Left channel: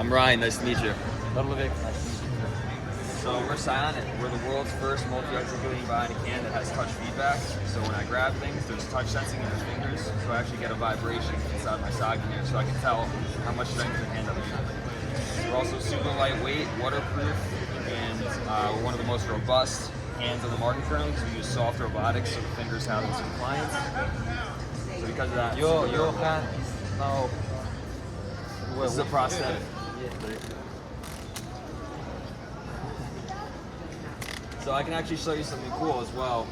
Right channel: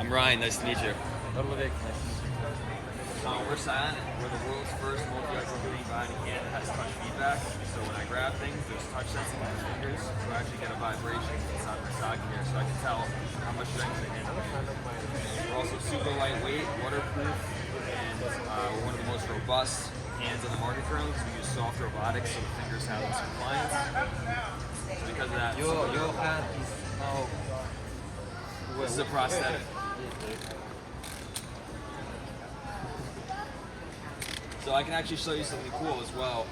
I'm Ryan, nice to meet you. Nice. So we're Psionic. We're the world's first multi-articulating bionic hand that has touch feedback. So when I grab things, there's touch sensing in the fingers, so I actually get a vibration inside my socket here, so I can tell how much strength in the hand I'm using. We're also super lightweight, waterproof, and we're one of the most robust hands on the market currently because we use soft robotics, so the fingers have some compliance. So because of that, Your hand is now... This is a prosthetic. Yeah. So I can actually show you something cool as well.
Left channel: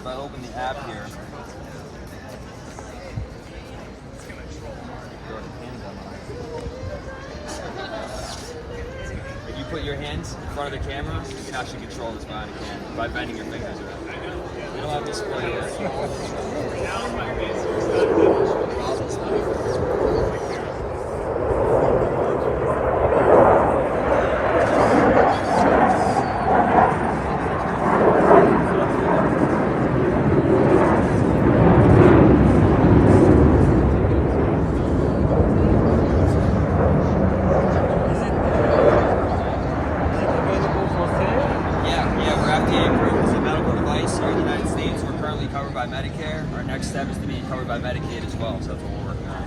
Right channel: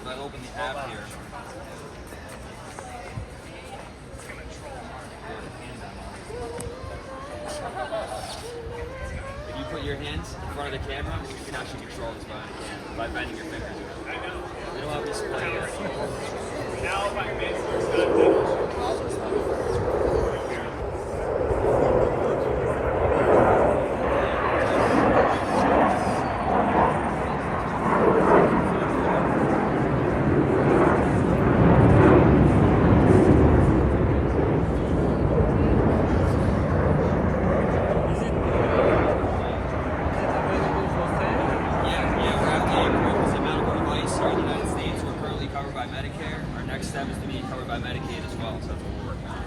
If I open the app here, go to hand demo. If you put your hands in front of the camera, you can actually control this bionic hand by bending your fingers around. We don't have display here. Now my base is not step is to be covered by Medicaid as well, so that's what we're working on.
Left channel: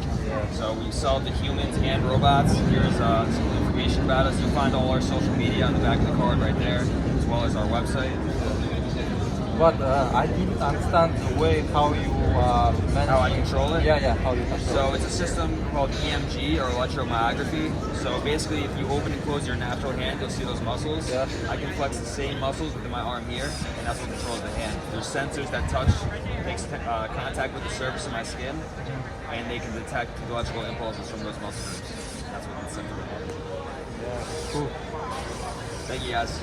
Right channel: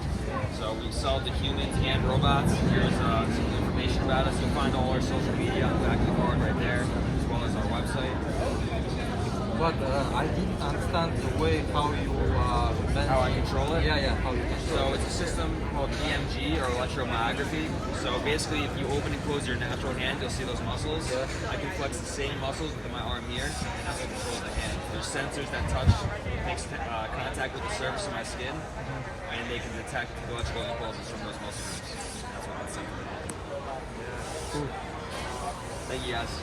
So we sell to humans and robots. Here's some information about us. You'll find all our social media on the back of the card right there, as well as our website. But I didn't understand the way how you how I control it? Yeah, how you control it. So it's a system called EMG, or electromyography. So basically, if you open and close your natural hand, you'll see those muscles. Yeah. I can flex the same muscles within my arm here, and that's what controls the hand. There's sensors that touch, makes contact with the surface of my skin, and they can detect the electrical impulses from those muscle groups. And that's what gets sent to the hand. Yeah, cool. Thank you guys.